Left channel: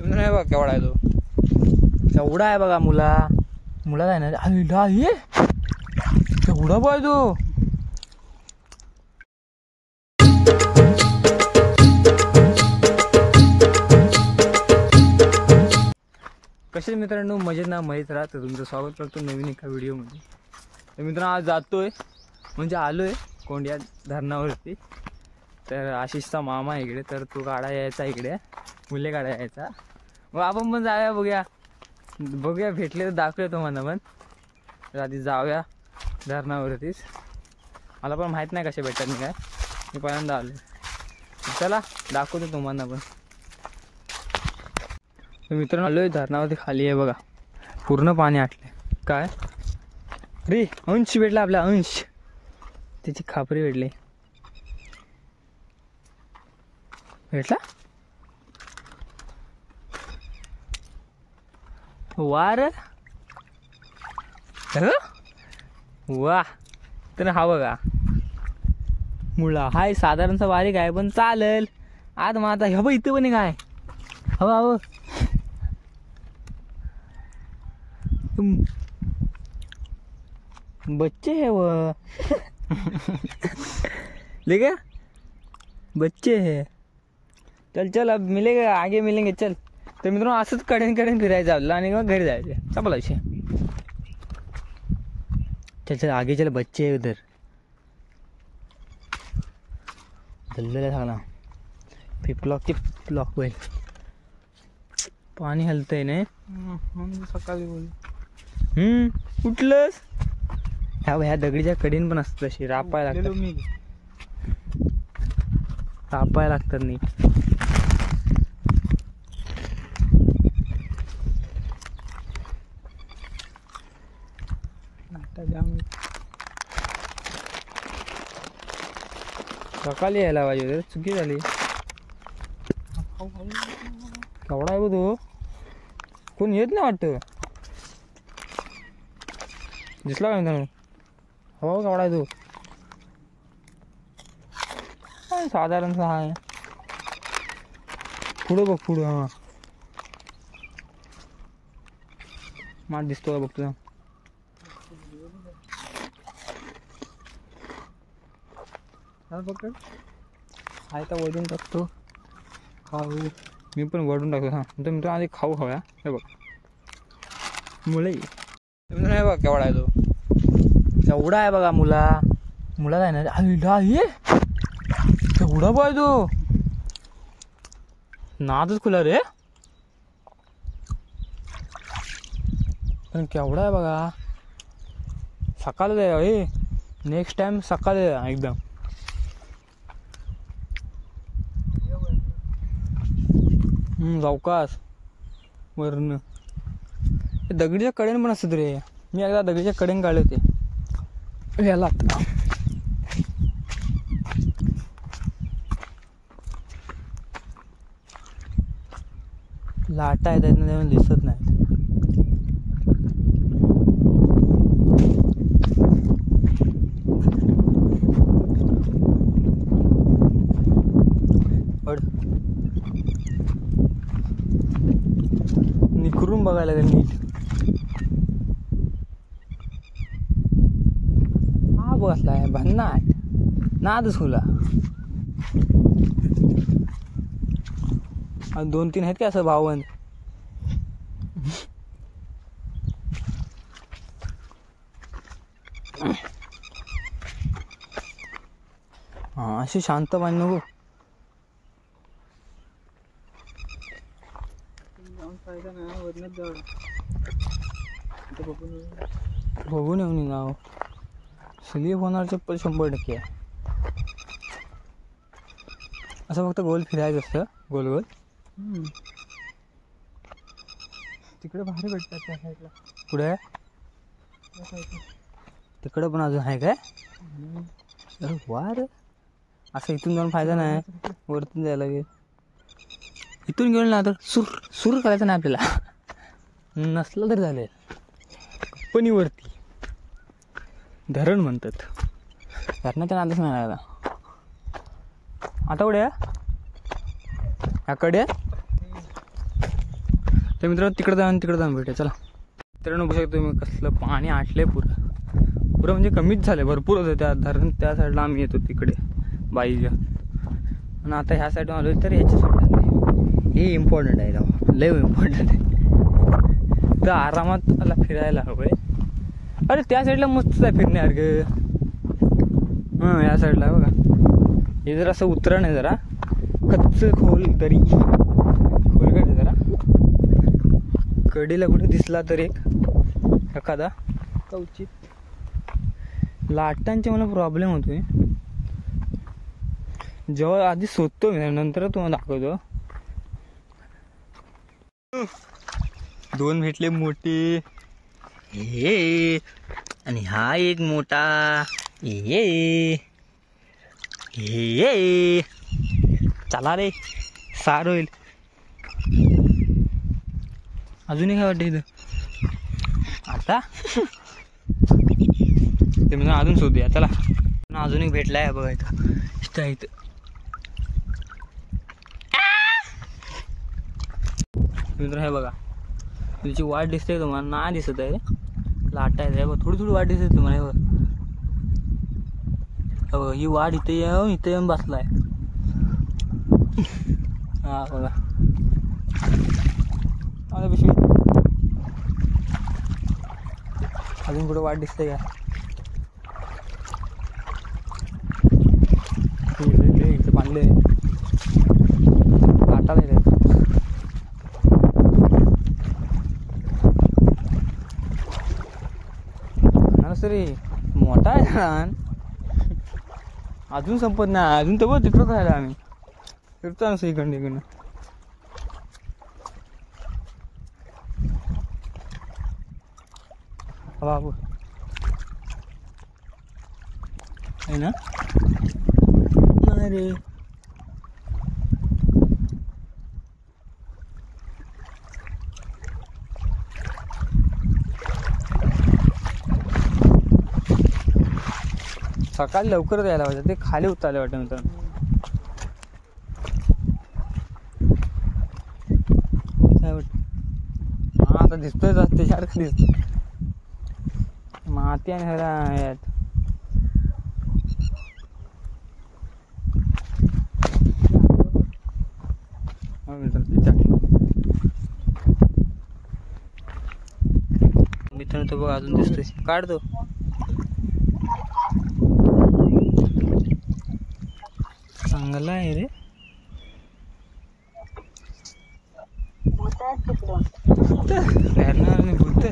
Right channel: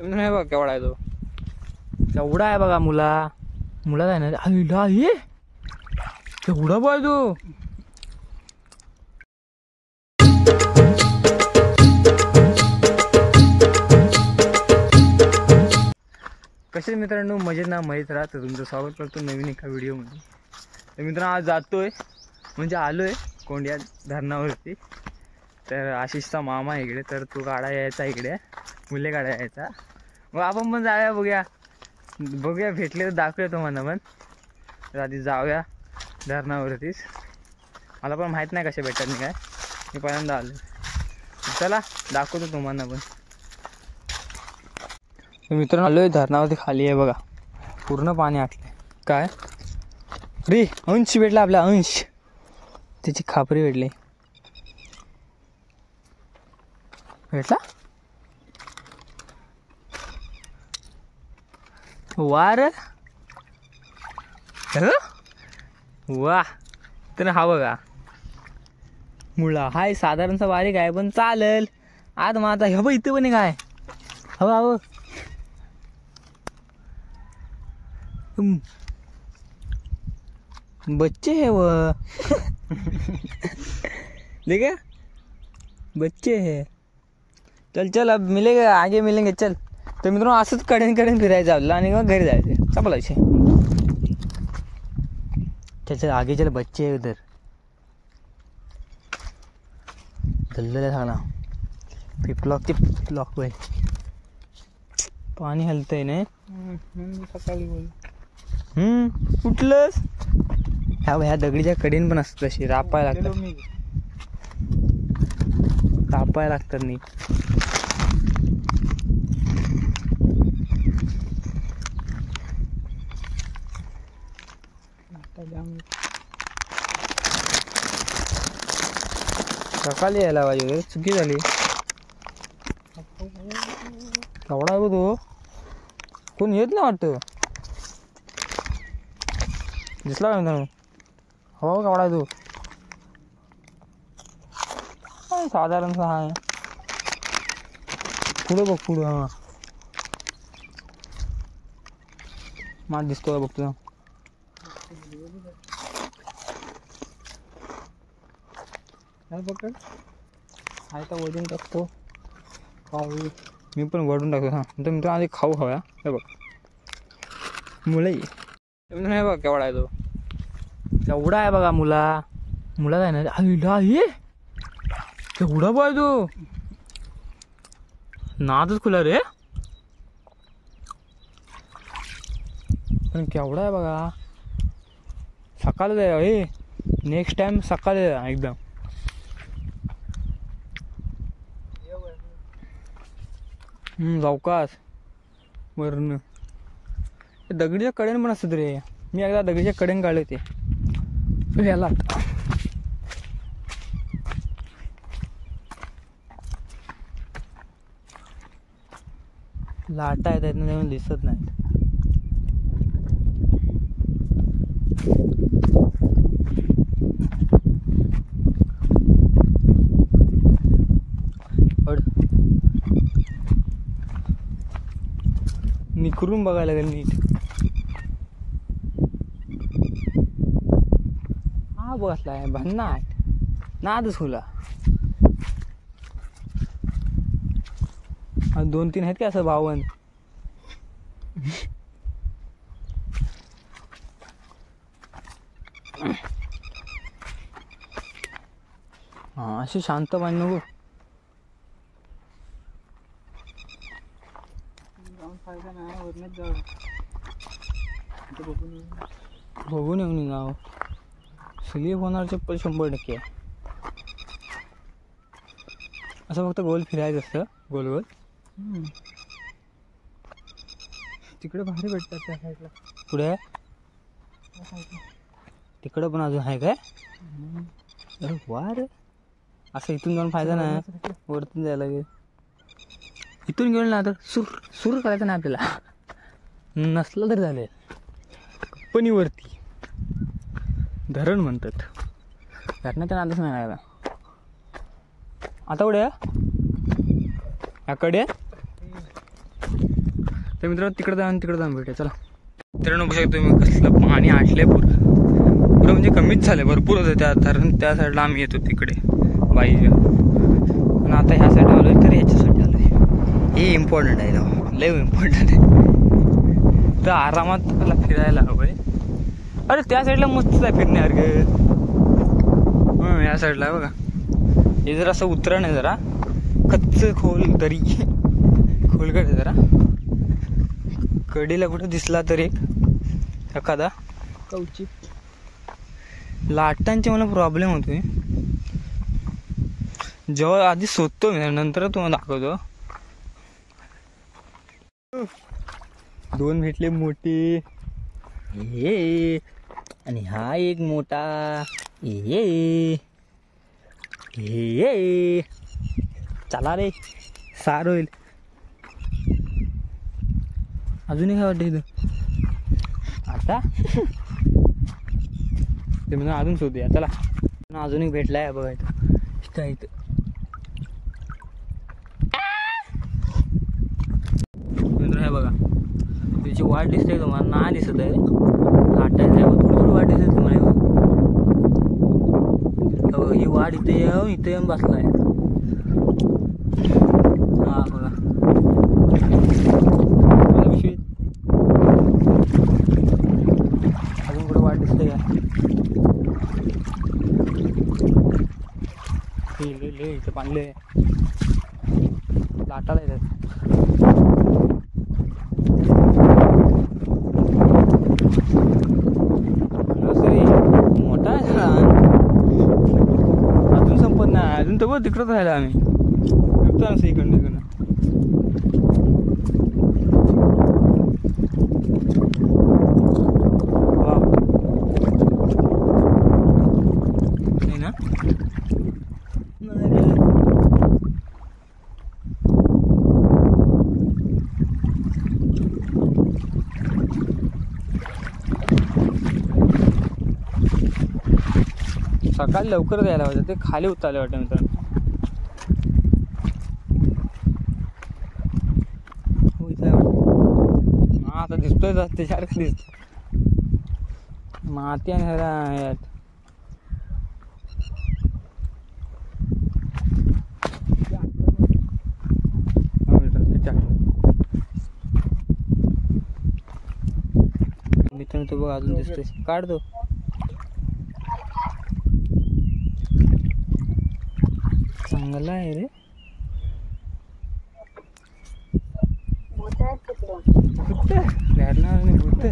नाही बघा केवढा आहे तो, केवढा आहे बघा. मुला आहे ना हे केवढा पाय तो. कसे मित्रांनो, मजेत ना मजेत राहा. तर तुमचं स्वागत करतो नवीन एका व्हिडिओमध्ये. तर मित्रांनो आज जातोय म्हणजे आलोय कोंडिया धरणावरती. तर आशिषचा मामा आहे इकडे, तर तो गाडा यायचा इकडे, मुले गाडा यायचा. मग आपण पण जाऊया बघूया भेटले तर दाखवूया तुम्हाला पण. तर आधी जाऊया धरणावरतीच. मला पण माहीत नाही कशा भेटतात मी काय, मी पहिल्यांदा आलो. चला दाखवतो तुम्हाला पण. मित्रांनो आलोय धरणावरती, खाली आहे बघा, पूर्ण पाणी आटले. काय रे, अंश भेटला आपला, अंश. त्याची खापरी भेटली. भेटला वार वा. तर हा बघा मुळा हाय, साधारणचा बारीक आहे पण चालेल. आज मग आता हे बघ इथं पण काय हवं हवं बच्चे है वो देखा, बच्चे है. चल चल अब मिलेगा, आगे मिलेंगे चल. तर मित्रांनो असंच कडेन फिरायचं आपलं आणि मग घरी जायचं. चपला विषय. चल चल आगे चल, बच्चे है उधर. धल्लेला झाला पिपलॉक होईल. पाणी हलतंय नाही सकाळी उठलंस. ह्या दगडीच्या कडेन पण असत तशी रापायला लागतात नीट. सकाळी यायला पाहिजे, चुकी झाली. केवढा आहे तो, कोण येत नाही वाटतं. दिसला का मित्रांनो, हो केवढा आहे तो. साधारणचा आहे. पुढं बघ पुढं. हा माठ दिसतो का बघतो. आहे तर वजन टाकतो मी पण, वडून टाकतो. हां तर मित्रांनो आधी खाऊ खाऊया. हे बघ मुळे नाही बघा केवढा आहे तो, केवढा आहे बघा. मुला आहे ना हे केवढा पाय तो. नादच खुला रे, पण केवढा आहे बघा. सकाळी हे नेक्स्ट टाइम सकाळी एकदम. जाऊकास वरण दगडीच्या कडेन पण असत रे. मी एकदा दगडीच्या कडेन काढले होते याला. लाटा येत ना तेव्हा दिसत नाही. निखरून बघायला लागेल नीट. हा बसलाय भन्नाट, नादच खुला. 2-3 आहेत का असं भावंड. हा अशी शांत पाणी नको. बघून येऊन नाव स्लीप होणार चप्पल 100%. असं फक्त गोल फिरायचं असतं, गोल गोल. तिकडे भारी भेटतात त्या साईडला. पुढे तिकडं पण अजून आहे काय. अरे वा रे, असं इथून जाऊन फायदा नाही, वरतून जायला लागेल. इथून गेलं ना तर सुर करायचं नाही आपल्याला, नसलं तरी झाले. कंपनीवरती धरण म्हणतात, धरणाच्या नादच नाही लागला. आता कुठे याकडे तर मित्रांनो तिकडे जाऊन भेटूया चला. मित्रांनो बघू शकतो तुम्ही कसलं पाणी आटलंय पुरं म्हणजे कमीच झालं, भरपूर होतं त्या धरण त्या साईडला आम्ही येतो तिकडे बाईच्या. पण आता ह्या साईडला आलो तर ह्याच्यासाठी आलो आहे, हे इम्पॉर्टंट आहे ना, लय इम्पॉर्टंट आहे. तर आरामात मला फिरायला हवं आहे. अरे त्या साईडला मस्त आहे फिरण्यासारखं. या साईडला आहे बघा, हे जरा असं उतरण आहे, जरा कच्च खोल दरी खोलगड आहे जरा. कडीला कुठे दिसला तर एखादा कवचित. लाटांचे मला प्रॉब्लेम होतोय, जेव्हा आधी शोधतो मी नंतर तुम्हाला दाखवतो. 2 भेटले मोठे, हे आणि हा एक मोठा, ये चला रे, सार होईल. अजूनही काय वाटतं इथं आता ते म्हणजे अजून शोधूया चला. अजून एक भेटलाय बघा इथं इथं. मित्र हे बघा, तिची वाट दिसते तुम्हाला, ना दिसत आहे लाटायचं, थोडी वाट दिसते तुम्हाला. ही वाट इथे येऊन बसलाय. हा बघा पिशवी. अजून कुठं वाट दिसते का? इथे बांधले लाटाला येतात. सरी मोठा आहे, अजून संपत नाही, अजून तर बघ तिकडंच राहिला आम्ही, फिरतो असं इकडनं. ना सकाळी लवकर द्यायला पाहिजे, ते खाली उतरले वाटतं मित्रांनो. हा आता दिसतोय रस्ते सारखं दिसत, माती आणि ह्याला मित्रांनो. तो बघ अजून दिसतोय, काढतो. चांगला आहे रे, खेळणार नाही भूत.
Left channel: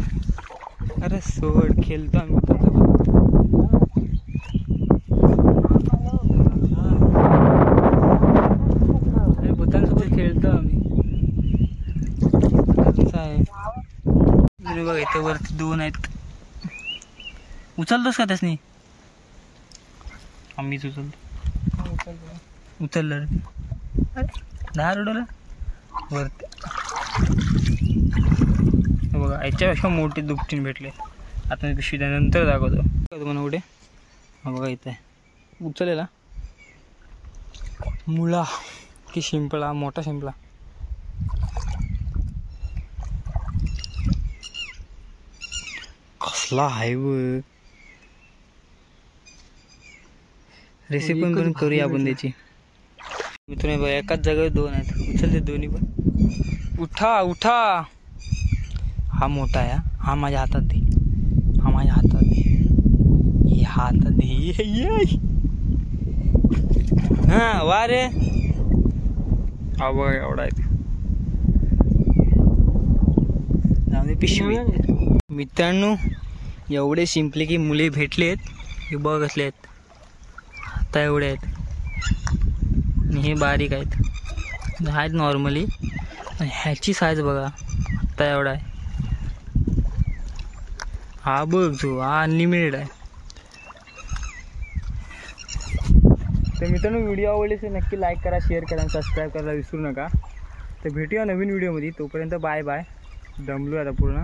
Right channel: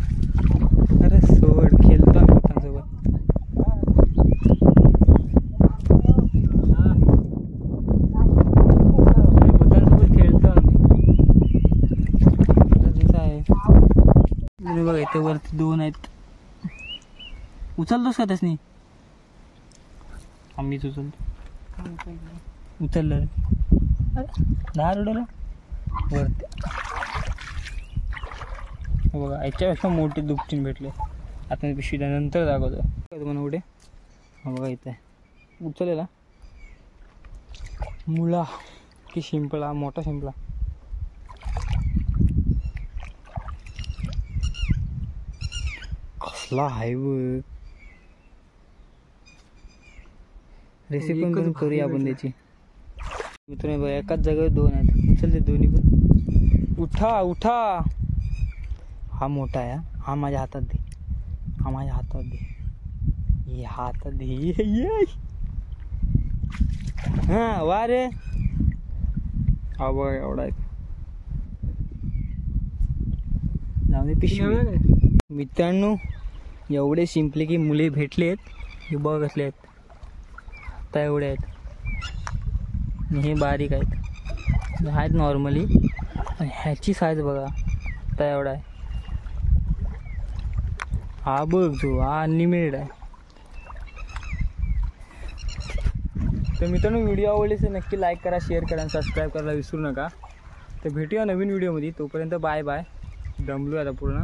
अरे सोड, खेळतो आम्ही भूतांसोबत खेळतो आम्ही. आहे बघा इथं वरती 2 आहेत. उचलतोस का त्यासनी? आम्हीच उचलतो. उचललं अरे 10 रोडला वरती. बघा याच्यापेक्षा मोठे दुपटीन भेटले. आता मी पिशवी नंतर दाखवतो तुम्हाला कुठे. हा बघा इथं आहे उचललेला मुळा की शिंपला, मोठा शिंपला. कसला आहे बघ. रेसिपी पण करूया आपण त्याची. मित्रांनो बघा एकाच जागेवर 2 आहेत, उचलते दोन्ही पण. उठा उठा. हा मोठा आहे, हा माझ्या हातात दे, हा माझ्या हातात दे, हे हातात दे. हा वा रे. हा बघ एवढा आहे. जाऊ दे पिशवी. मित्रांनो एवढे शिंपले की मुले भेटलेत. हे बघ असले आहेत, आता एवढे आहेत आणि हे बारीक आहेत नॉर्मली. ह्याची साईज बघा आता एवढा आहे. हा बघ जो हा अनलिमिटेड आहे. तर मित्रांनो व्हिडिओ आवडले तर नक्की लाईक करा, शेअर करा आणि सबस्क्राईब करायला विसरू नका. तर भेटूया नवीन व्हिडिओमध्ये. तोपर्यंत बाय बाय. दमलो आता पूर्ण.